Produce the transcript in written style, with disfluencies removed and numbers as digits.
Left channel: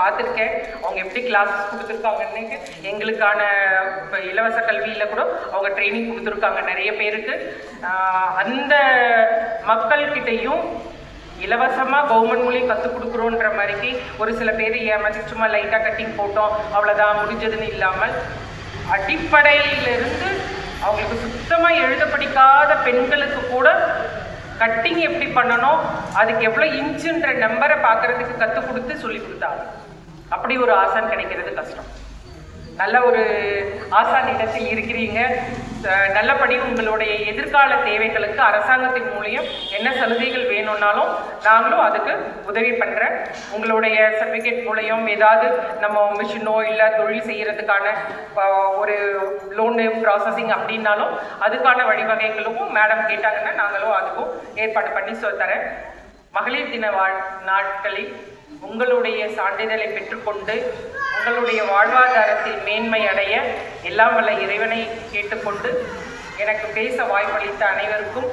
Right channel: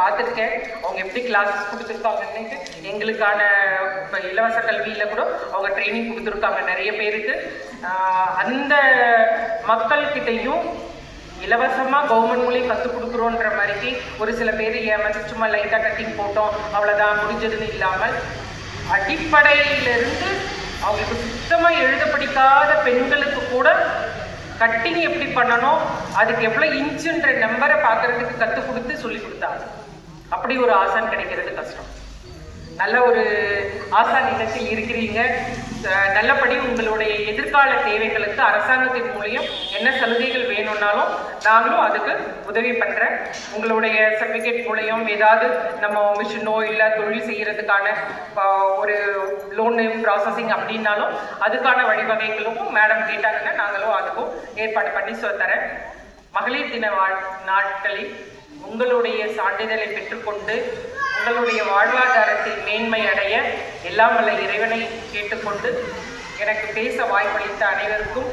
பார்த்துருக்கேன் அவங்க எப்படி கிளாஸஸ் கொடுத்துருக்காங்கன்னு. எங்களுக்கான இலவச கல்வியில் கூட அவங்க ட்ரைனிங் கொடுத்துருக்காங்க நிறைய பேருக்கு. அந்த மக்கள்கிட்டையும் இலவசமாக கவர்மெண்ட் மூலியம் கற்றுக் கொடுக்குறோன்ற மாதிரிக்கு ஒரு சில பேர் ஏமாற்றி சும்மா லைட்டாக கட்டிங் போட்டோம் அவ்வளோதான் முடிஞ்சதுன்னு இல்லாமல் அடிப்படையிலிருந்து அவங்களுக்கு சுத்தமாக எழுத படிக்காத பெண்களுக்கு கூட கட்டிங் எப்படி பண்ணணும், அதுக்கு எவ்வளோ இன்ச்சுன்ற நம்பரை பார்க்குறதுக்கு கற்றுக் கொடுத்து சொல்லி கொடுத்தாங்க. அப்படி ஒரு ஆசான் கிடைக்கிறது கஷ்டம். நல்ல ஒரு ஆசான் நிகழ்ச்சியில் இருக்கிறீங்க. நல்லபடி உங்களுடைய எதிர்கால தேவைகளுக்கு அரசாங்கத்தின் மூலியம் என்ன சலுகைகள் வேணும்னாலும் நாங்களும் அதுக்கு உதவி பண்ணுறேன். உங்களுடைய சர்டிஃபிகேட் மூலியம் ஏதாவது நம்ம மிஷினோ இல்லை தொழில் செய்கிறதுக்கான ஒரு லோனு ப்ராசஸிங் அப்படின்னாலும் அதுக்கான வழிவகைகளும் மேடம் கேட்டாங்கன்னா நாங்களும் அதுக்கும் ஏற்பாடு பண்ணி தரேன். மகளிர் தின நாட்களில் உங்களுடைய சான்றிதழை பெற்றுக்கொண்டு உங்களுடைய வாழ்வாதாரத்தில் மேன்மை அடைய எல்லாம் வல்ல இறைவனை கேட்டுக்கொண்டு எனக்கு பேச வாய்ப்பளித்த அனைவருக்கும்